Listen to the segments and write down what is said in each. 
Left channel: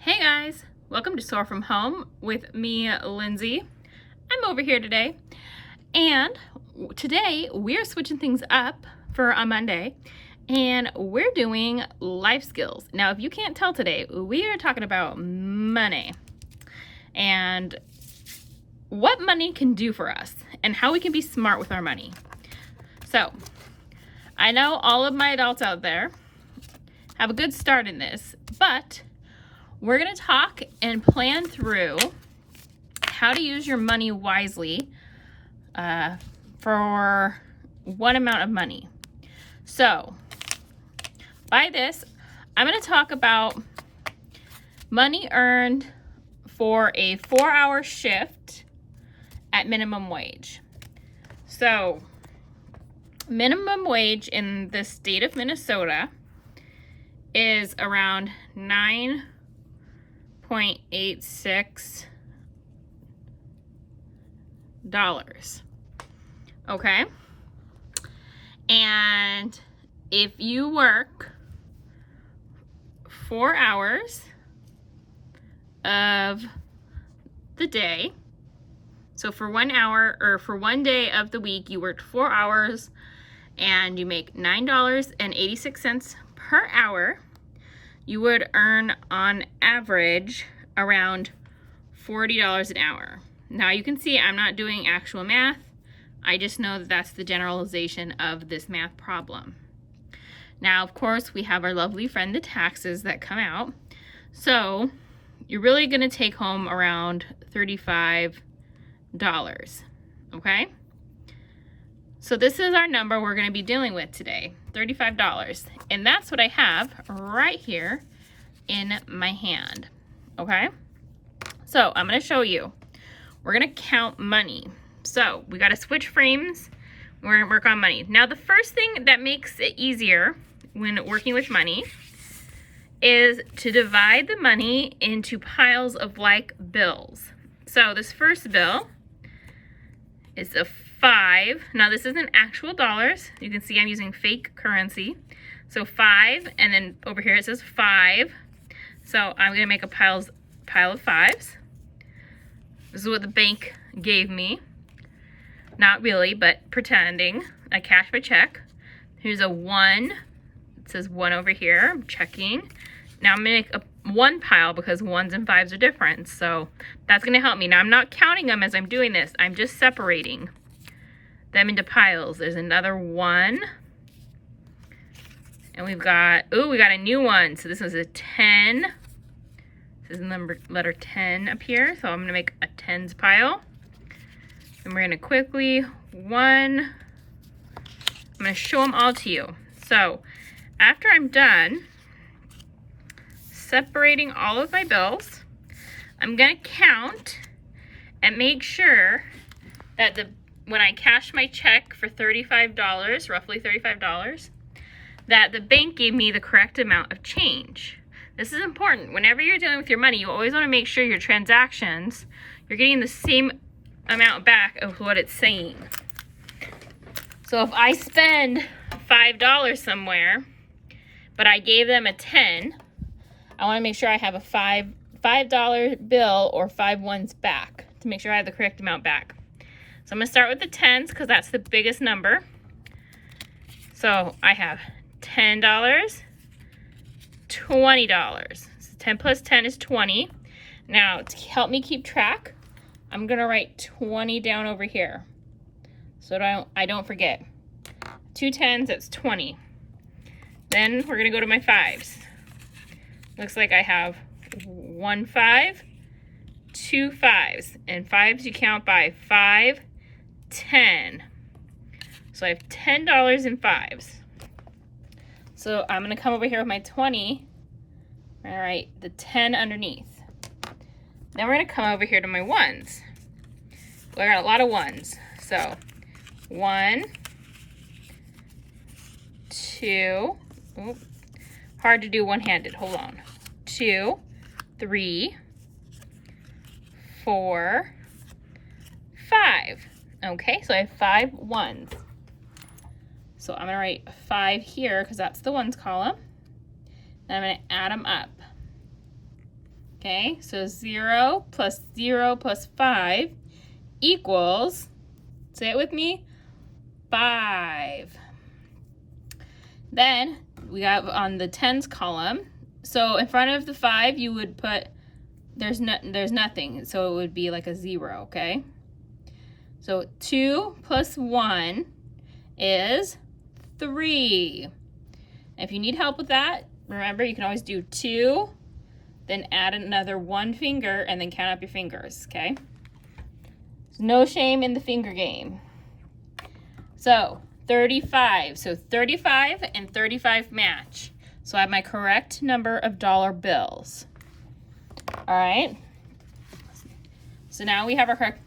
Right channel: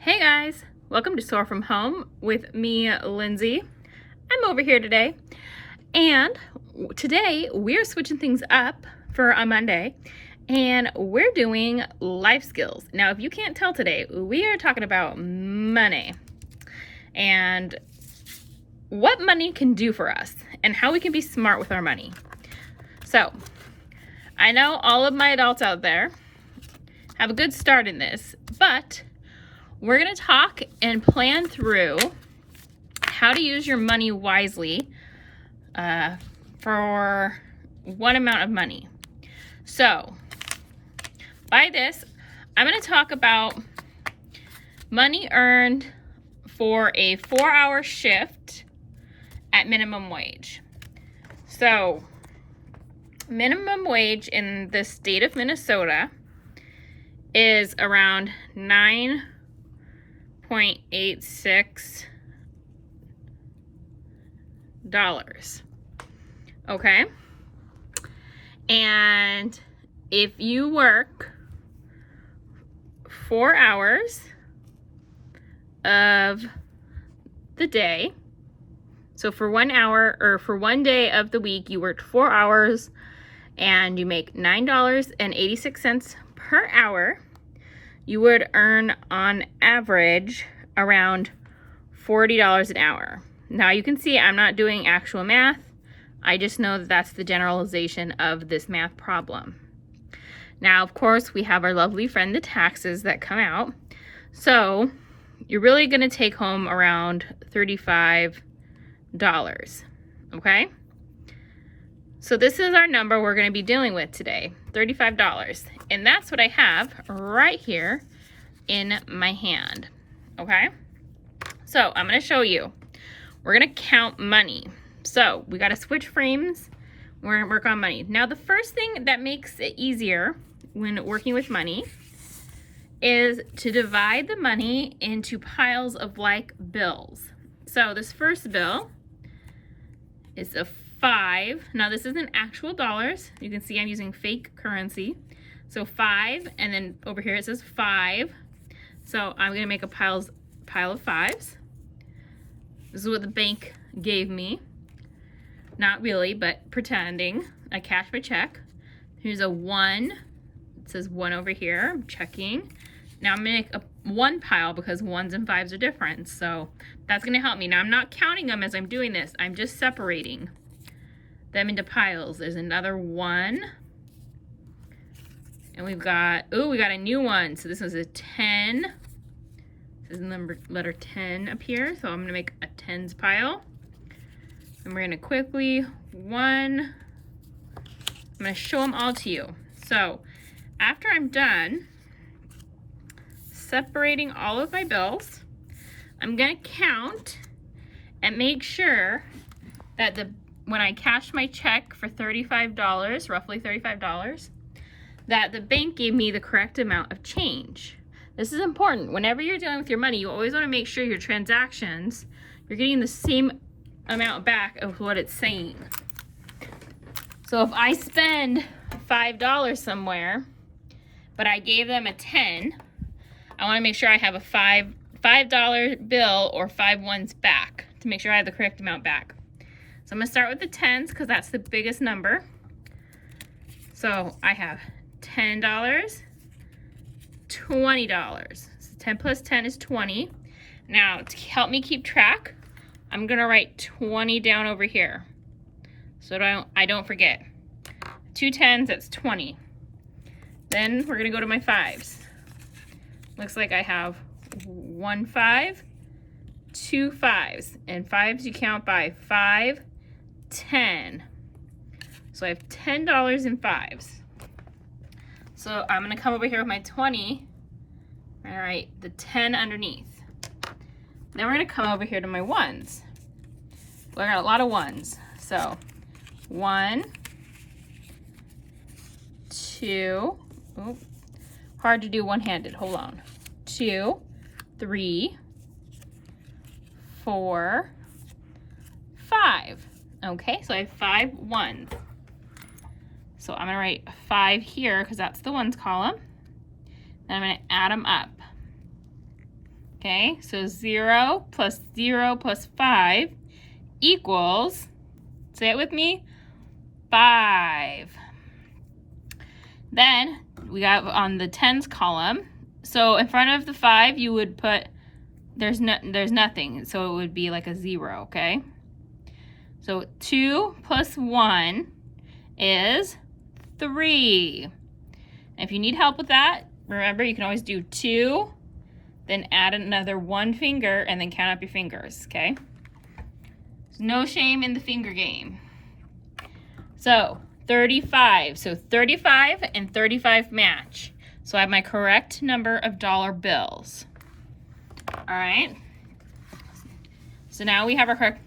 Hey guys, welcome to SOAR from Home with me, Lindsay. I'm over here today, and today we're switching things up for a Monday, and we're doing life skills. Now, if you can't tell today, we are talking about money and what money can do for us and how we can be smart with our money. So, I know all of my adults out there have a good start in this, but we're going to talk and plan through how to use your money wisely for one amount of money. So, by this, I'm going to talk about money earned for a 4-hour shift at minimum wage. So, minimum wage in the state of Minnesota is around $9.86. Okay? And if you work 4 hours of the day, so for 1 hour or for 1 day of the week, you worked 4 hours and you make $9.86 per hour, you would earn on average around $40 an hour. Now you can see I'm not doing actual math. I just know that that's the generalization of this math problem. Now, of course, we have our lovely friend, the taxes that come out. So you're really going to take home around $35, okay? So this is our number we're going to be dealing with today, $35. And that's what I have right here in my hand, okay? So I'm going to show you. We're going to count money. So we got to switch frames. We're going to work on money. Now, the first thing that makes it easier when working with money is to divide the money into piles of like bills. So this first bill is a 5. Now this isn't actual dollars. You can see I'm using fake currency. So 5, and then over here it says 5. So I'm gonna make a pile of 5s. This is what the bank gave me. Not really, but pretending. I cashed my check. Here's a 1. It says 1 over here. I'm checking. Now I'm gonna make a 1 pile because 1s and 5s are different. So that's gonna help me. Now I'm not counting them as I'm doing this. I'm just separating them into piles. There's another 1. And we've got, we got a new one. So this is a 10. This is the letter 10 up here. So I'm gonna make a 10s pile. And we're gonna quickly, 1. I'm gonna show them all to you. So after I'm done separating all of my bills, I'm gonna count and make sure that when I cash my check for $35, roughly $35, that the bank gave me the correct amount of change. This is important. Whenever you're dealing with your money, you always want to make sure your transactions, you're getting the same amount back of what it's saying. So if I spend $5 somewhere, but I gave them a 10, I want to make sure I have a $5 bill or 5 ones back to make sure I have the correct amount back. So I'm going to start with the 10s because that's the biggest number. So I have $10, $20. So 10 plus 10 is 20. Now, to help me keep track, I'm going to write 20 down over here so I don't forget. 2 10s, that's 20. Then we're going to go to my 5s. Looks like I have 1 5, 2 5s. And 5s you count by 5, 10. So I have $10 in 5s. So I'm going to come over here with my 20. All right, the 10 underneath. Then we're going to come over here to my 1s. Well, I got a lot of 1s. So 1, 2, hard to do one-handed, hold on. 2, 3, 4, 5. Okay, so I have 5 1s. So I'm going to write 5 here because that's the 1s column. Then I'm going to add them up. Okay, so 0 plus 0 plus 5 equals, say it with me, 5. Then we got on the tens column, so in front of the 5 you would put, there's nothing, so it would be like a 0, okay? So 2 plus 1 is 3. And if you need help with that, remember you can always do 2, then add another 1 finger, and then count up your fingers, okay? There's no shame in the finger game. So 35. So 35 and 35 match. So I have my correct number of dollar bills. All right. So now we have our correct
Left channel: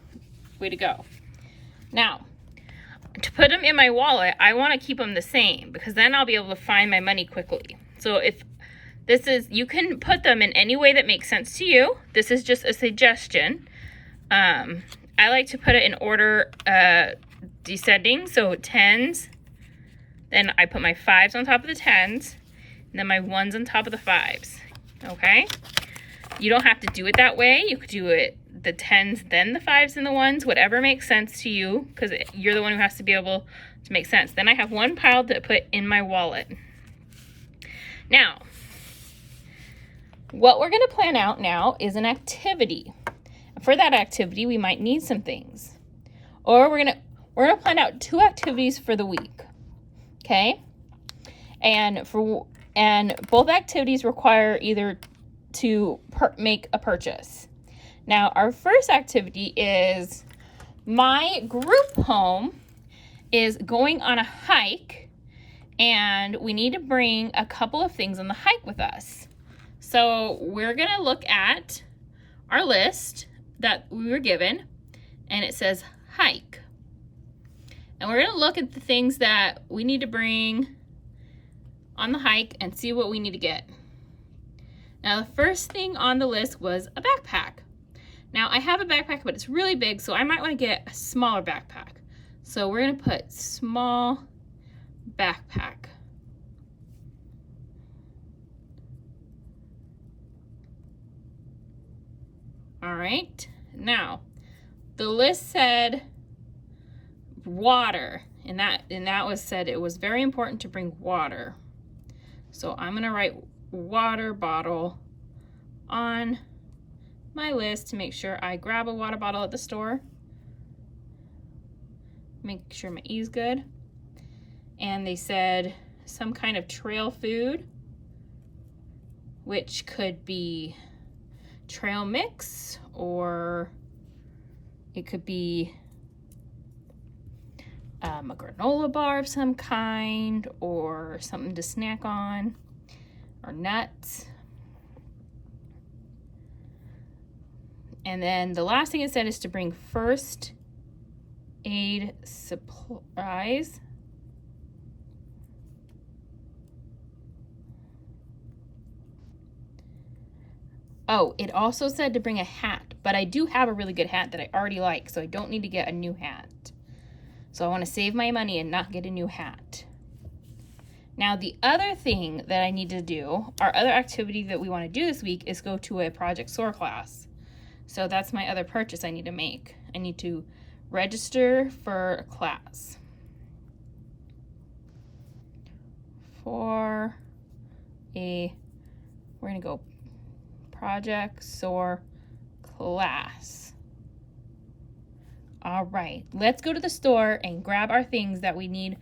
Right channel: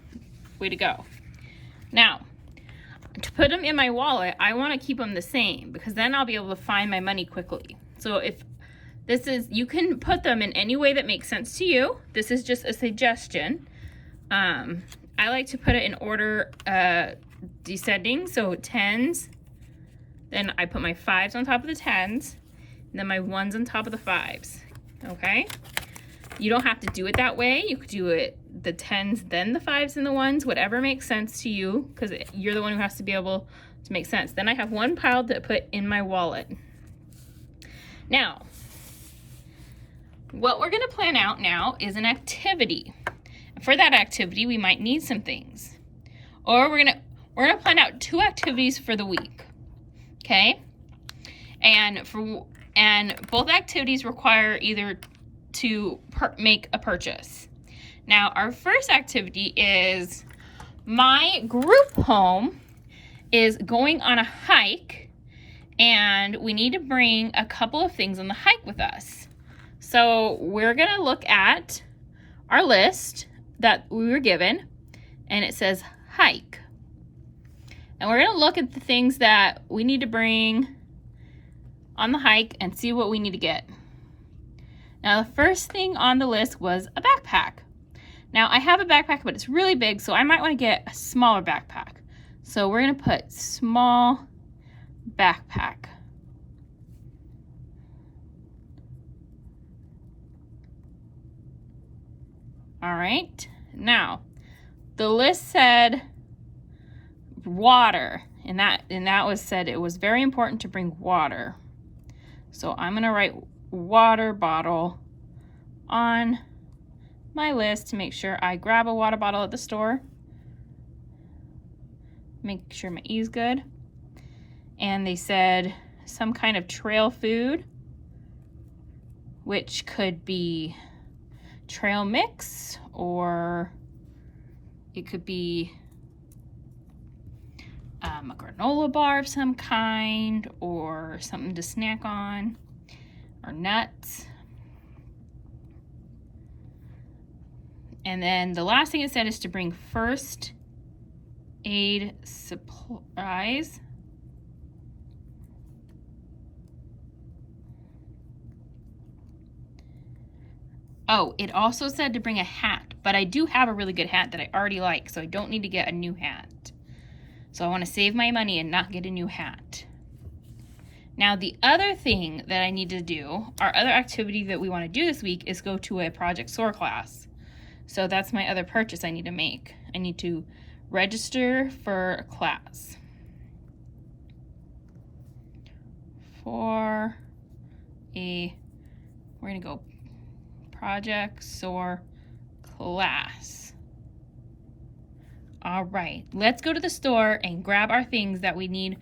way to go. Now, to put them in my wallet, I want to keep them the same because then I'll be able to find my money quickly. So if this is, you can put them in any way that makes sense to you. This is just a suggestion. I like to put it in order descending, so tens, then I put my 5s on top of the 10s, and then my 1s on top of the 5s, okay? You don't have to do it that way. You could do it the 10s, then the 5s and the 1s, whatever makes sense to you, because you're the one who has to be able to make sense. Then I have one pile to put in my wallet. Now, what we're gonna plan out now is an activity. For that activity, we might need some things. Or we're gonna plan out 2 activities for the week, okay? And both activities require either to make a purchase. Now, our first activity is my group home is going on a hike, and we need to bring a couple of things on the hike with us. So we're gonna look at our list that we were given, and it says hike. And we're gonna look at the things that we need to bring on the hike and see what we need to get. Now, the first thing on the list was a backpack. Now, I have a backpack, but it's really big, so I might wanna get a smaller backpack. So we're gonna put small backpack. All right, now, the list said water, and that was said it was very important to bring water. So I'm gonna write water bottle on my list to make sure I grab a water bottle at the store. Make sure my E's good. And they said some kind of trail food, which could be trail mix, or it could be a granola bar of some kind, or something to snack on, or nuts. And then the last thing it said is to bring first aid supplies. Oh, it also said to bring a hat, but I do have a really good hat that I already like, so I don't need to get a new hat. So I want to save my money and not get a new hat. Now, the other thing that I need to do, our other activity that we want to do this week is go to a Project SOAR class. So that's my other purchase I need to make. I need to register for a class. We're going to go Project SOAR class. All right, let's go to the store and grab our things that we need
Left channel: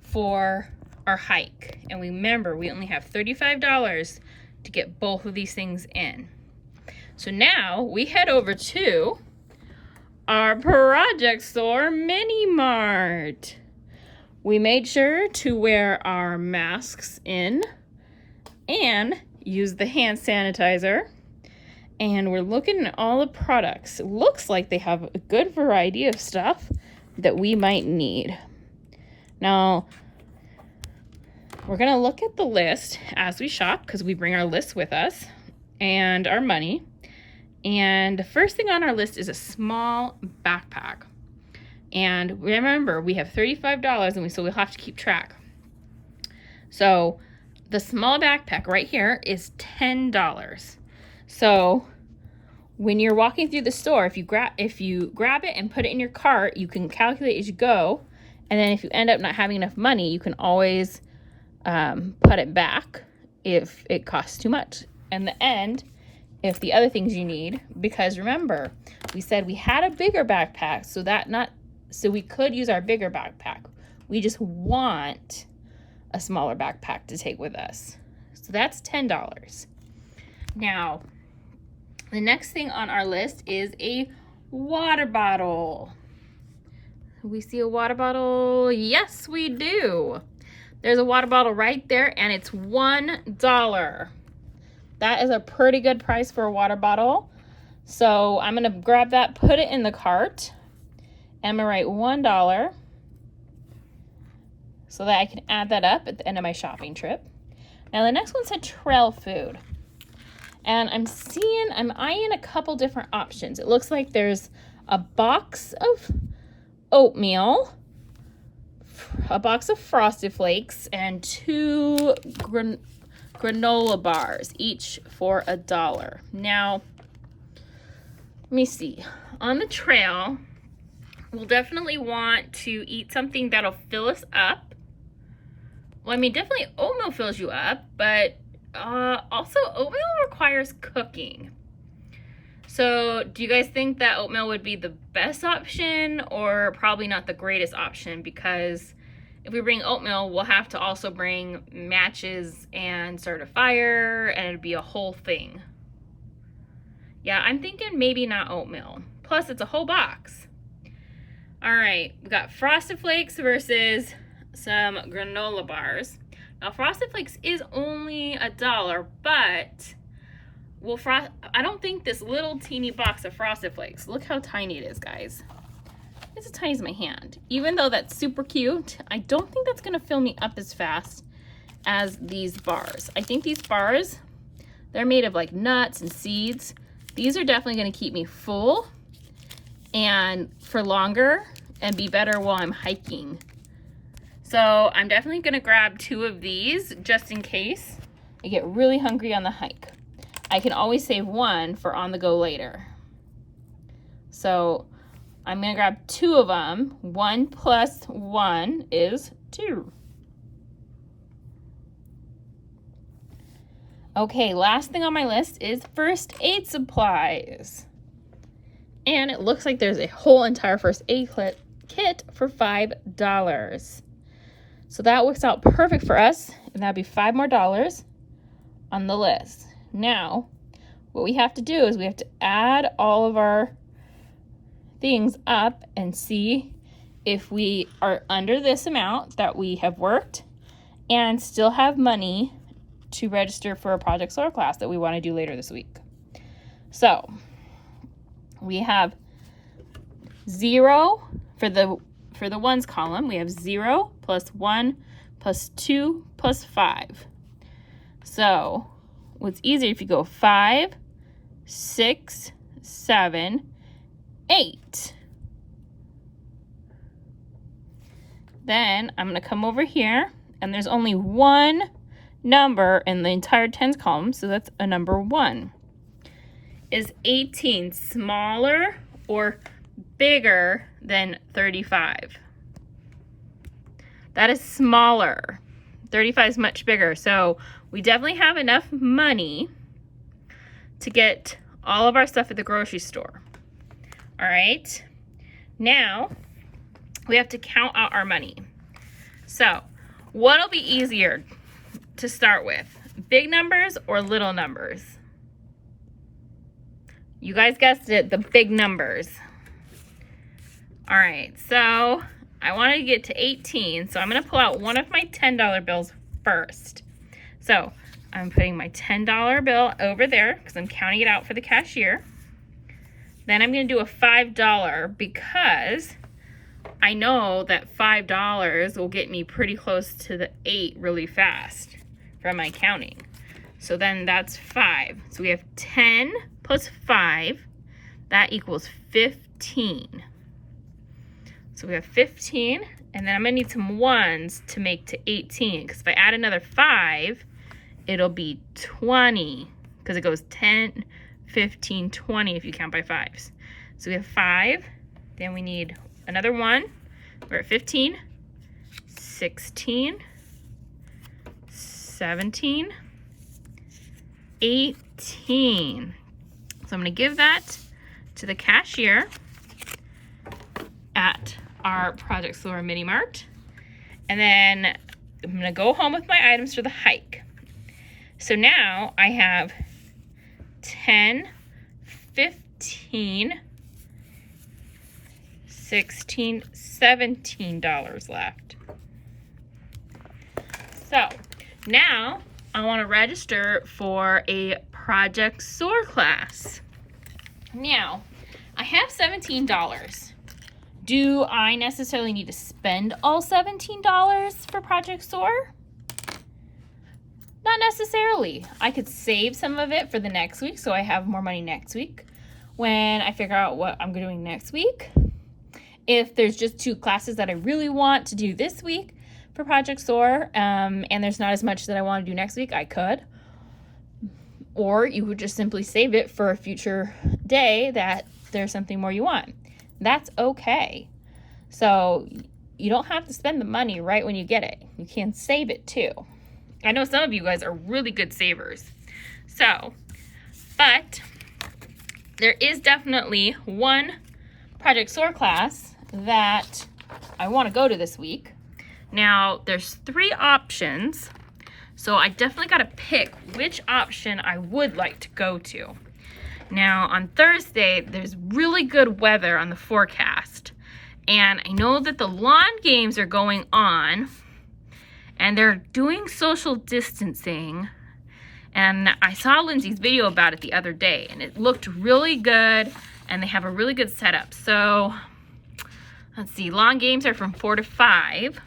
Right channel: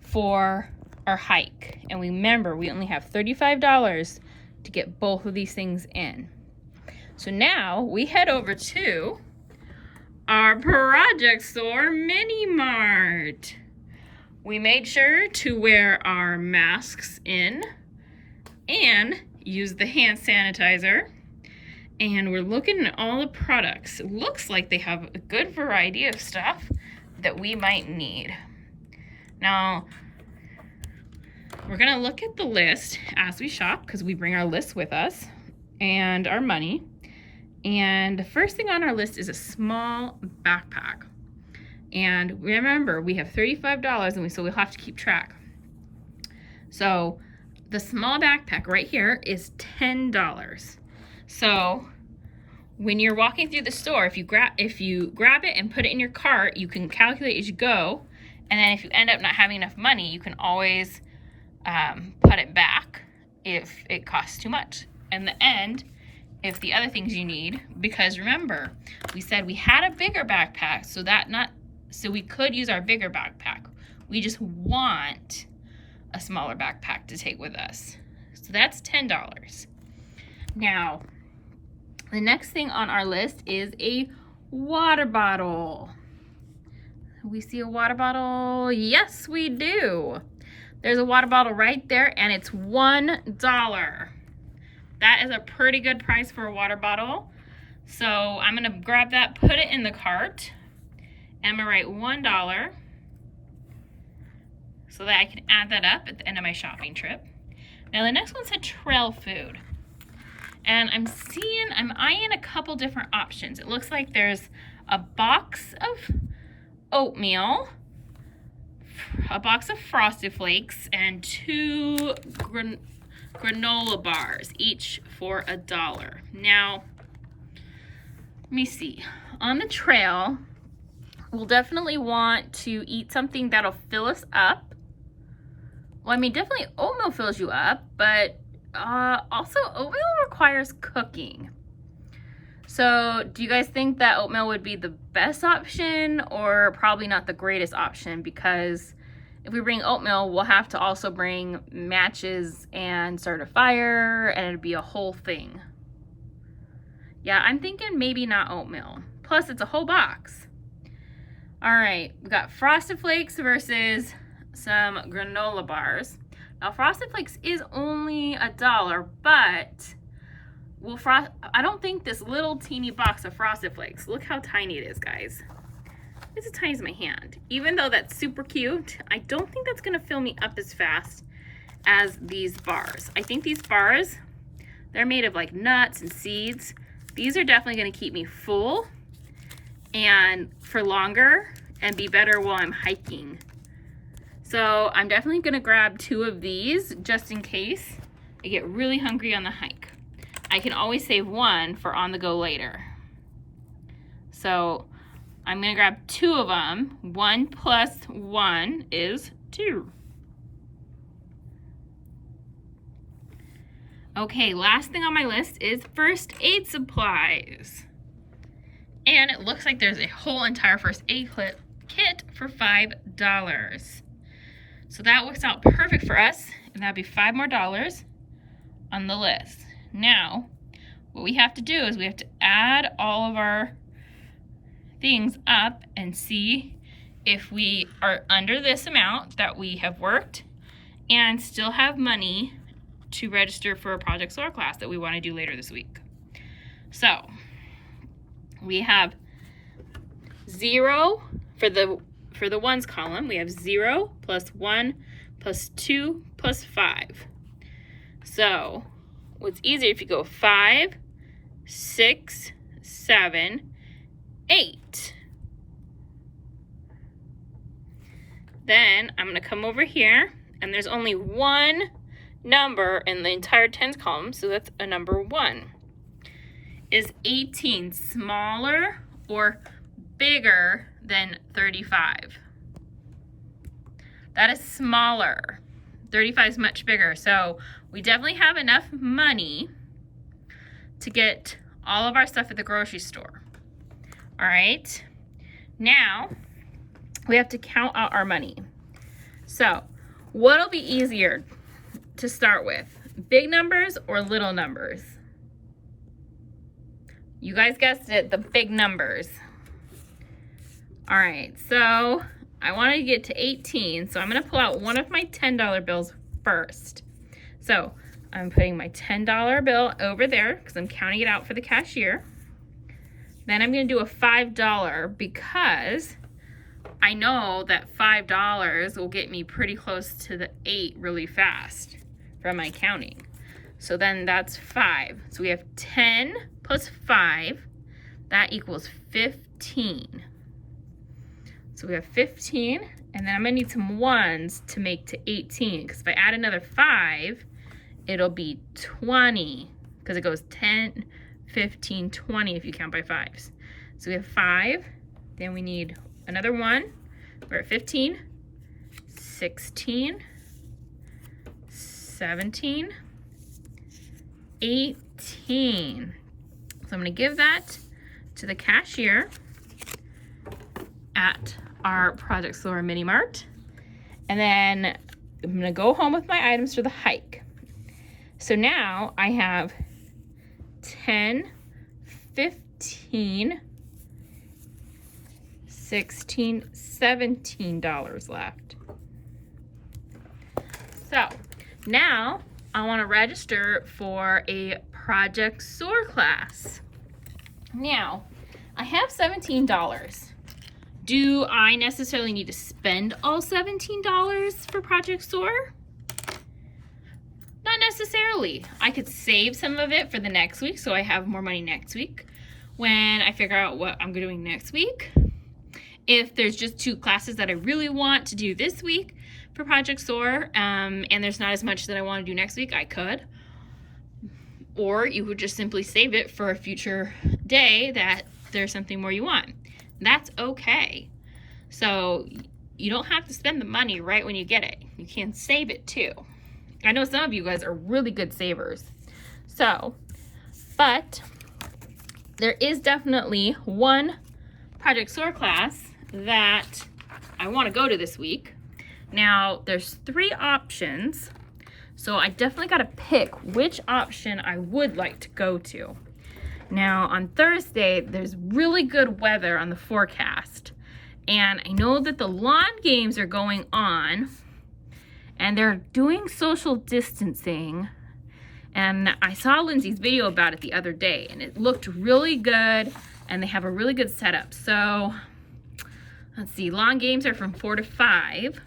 for our hike. And remember, we only have $35 to get both of these things in. So now we head over to our Project SOAR Mini Mart. We made sure to wear our masks in and use the hand sanitizer. And we're looking at all the products. It looks like they have a good variety of stuff that we might need. Now, we're gonna look at the list as we shop because we bring our list with us and our money. And the first thing on our list is a small backpack. And remember, we have $35 and so we'll have to keep track. So the small backpack right here is $10. So when you're walking through the store, if you grab it and put it in your cart, you can calculate as you go. And then if you end up not having enough money, you can always put it back if it costs too much. In the end, if the other things you need, because remember, we said we had a bigger backpack, so we could use our bigger backpack. We just want a smaller backpack to take with us. So that's $10. Now, the next thing on our list is a water bottle. We see a water bottle? Yes, we do. There's a water bottle right there, and it's $1. That is a pretty good price for a water bottle. So I'm gonna grab that, put it in the cart, and I'm gonna write $1 so that I can add that up at the end of my shopping trip. Now the next one said trail food. And I'm eyeing a couple different options. It looks like there's a box of oatmeal, a box of Frosted Flakes, and 2 granola bars, each for $1. Now, let me see. On the trail, we'll definitely want to eat something that'll fill us up. Well, I mean, definitely oatmeal fills you up, but also oatmeal requires cooking. So do you guys think that oatmeal would be the best option, or probably not the greatest option? Because if we bring oatmeal, we'll have to also bring matches and start a fire, and it'd be a whole thing. Yeah, I'm thinking maybe not oatmeal. Plus, it's a whole box. All right, we got Frosted Flakes versus some granola bars. Now, Frosted Flakes is only $1, but I don't think this little teeny box of Frosted Flakes, look how tiny it is, guys. It's as tiny as my hand. Even though that's super cute, I don't think that's gonna fill me up as fast as these bars. I think these bars, they're made of like nuts and seeds. These are definitely gonna keep me full and for longer and be better while I'm hiking. So I'm definitely gonna grab 2 of these just in case I get really hungry on the hike. I can always save 1 for on the go later. So I'm gonna grab 2 of them. 1 plus 1 is 2. Okay, last thing on my list is first aid supplies. And it looks like there's a whole entire first aid kit for $5. So that works out perfect for us, and that'd be $5 more on the list. Now, what we have to do is we have to add all of our things up and see if we are under this amount that we have worked and still have money to register for a Project SOAR class that we want to do later this week. So we have 0 for the ones column. We have 0 plus 1 plus 2 plus 5. So what's easier if you go 5, 6, 7, 8. Then I'm going to come over here, and there's only 1 number in the entire tens column, so that's a number 1. Is 18 smaller or bigger than 35? That is smaller. 35 is much bigger, so we definitely have enough money to get all of our stuff at the grocery store. All right, now we have to count out our money. So what'll be easier to start with, big numbers or little numbers? You guys guessed it, the big numbers. All right, so I wanted to get to 18, so I'm gonna pull out one of my $10 bills first. So I'm putting my $10 bill over there because I'm counting it out for the cashier. Then I'm gonna do a $5 because I know that $5 will get me pretty close to the 8 really fast from my counting. So then that's 5. So we have 10 plus 5, that equals 15. So we have 15, and then I'm gonna need some 1s to make to 18, because if I add another 5, it'll be 20, because it goes 10, 15, 20 if you count by fives. So we have 5, then we need another 1. We're at 15, 16, 17, 18. So I'm going to give that to the cashier at our Project SOAR Mini Mart. And then I'm going to go home with my items for the hike. So now I have 10, 15, 16, $17 left. So now I want to register for a Project SOAR class. Now, I have $17. Do I necessarily need to spend all $17 for Project SOAR? Not necessarily. I could save some of it for the next week so I have more money next week when I figure out what I'm doing next week. If there's just 2 classes that I really want to do this week for Project SOAR, and there's not as much that I want to do next week, I could. Or you would just simply save it for a future day that there's something more you want. That's okay. So you don't have to spend the money right when you get it. You can save it too. I know some of you guys are really good savers. So, but there is definitely one Project SOAR class that I want to go to this week. Now, there's 3 options. So I definitely got to pick which option I would like to go to. Now on Thursday, there's really good weather on the forecast. And I know that the lawn games are going on and they're doing social distancing. And I saw Lindsay's video about it the other day and it looked really good and they have a really good setup. So let's see, lawn games are from 4 to 5.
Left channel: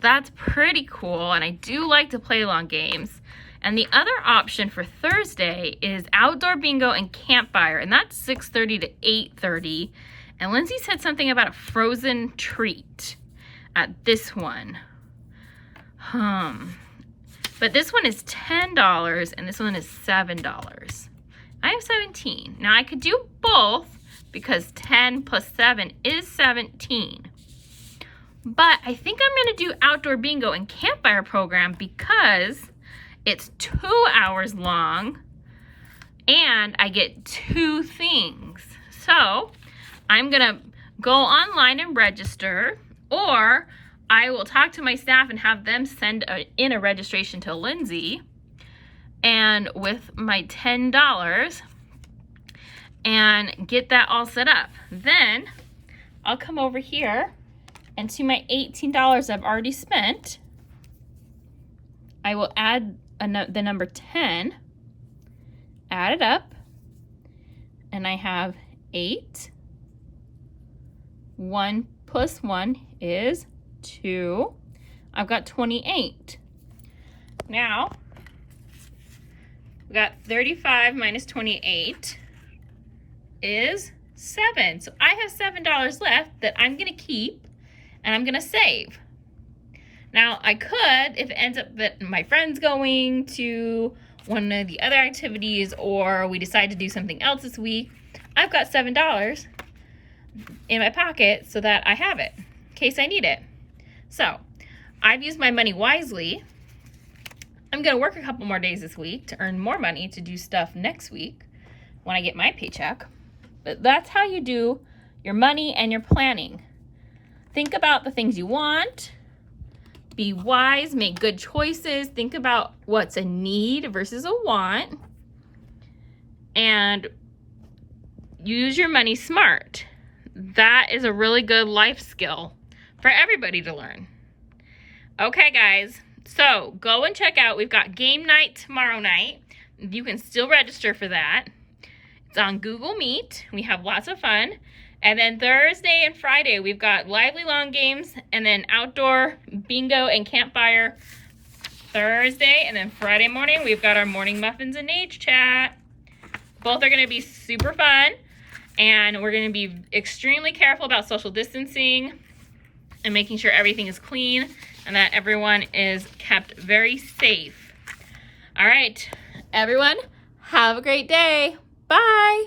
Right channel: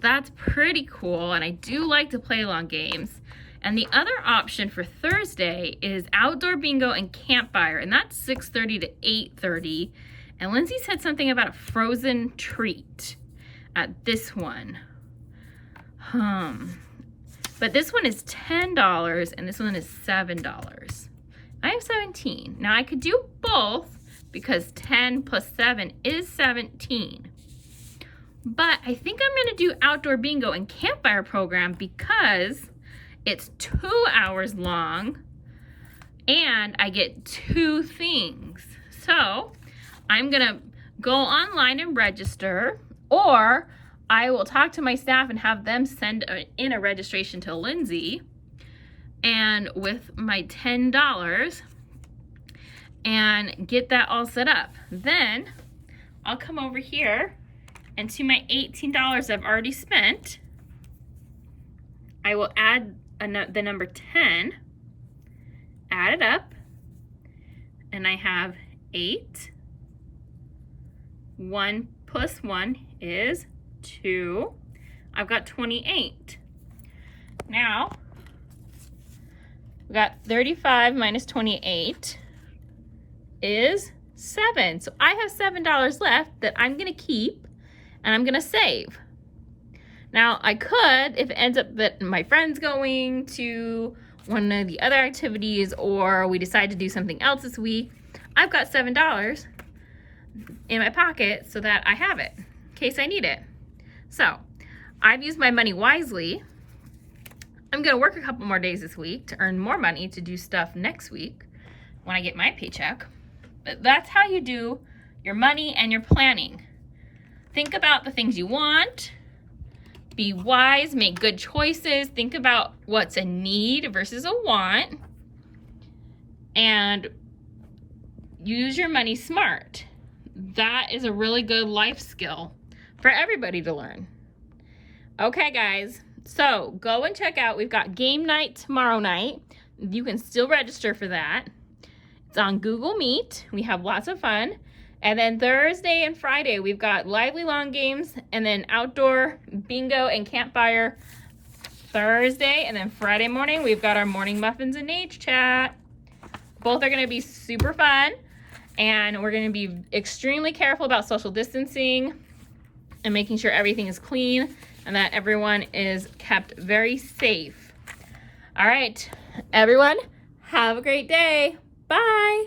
That's pretty cool, and I do like to play long games. And the other option for Thursday is outdoor bingo and campfire, and that's 6:30 to 8:30. And Lindsay said something about a frozen treat at this one. But this one is $10 and this one is $7. I have 17. Now I could do both because 10 plus 7 is 17. But I think I'm going to do outdoor bingo and campfire program because it's 2 hours long and I get 2 things. So I'm going to go online and register, or I will talk to my staff and have them send in a registration to Lindsay, and with my $10 and get that all set up. Then I'll come over here and to my $18 I've already spent, I will add the number 10, add it up, and I have 8. 1 plus 1 is 2. I've got 28. Now, we got 35 minus 28 is 7. So I have $7 left that I'm going to keep and I'm going to save. Now, I could, if it ends up that my friend's going to one of the other activities or we decide to do something else this week, I've got $7 in my pocket so that I have it in case I need it. So, I've used my money wisely. I'm going to work a couple more days this week to earn more money to do stuff next week when I get my paycheck. But that's how you do your money and your planning. Think about the things you want. Be wise, make good choices. Think about what's a need versus a want. And use your money smart. That is a really good life skill for everybody to learn. Okay, guys. So go and check out. We've got game night tomorrow night. You can still register for that. It's on Google Meet. We have lots of fun. And then Thursday and Friday, we've got lively long games and then outdoor bingo and campfire Thursday. And then Friday morning, we've got our morning muffins and age chat. Both are going to be super fun. And we're going to be extremely careful about social distancing and making sure everything is clean and that everyone is kept very safe. All right, everyone, Have a great day. Bye.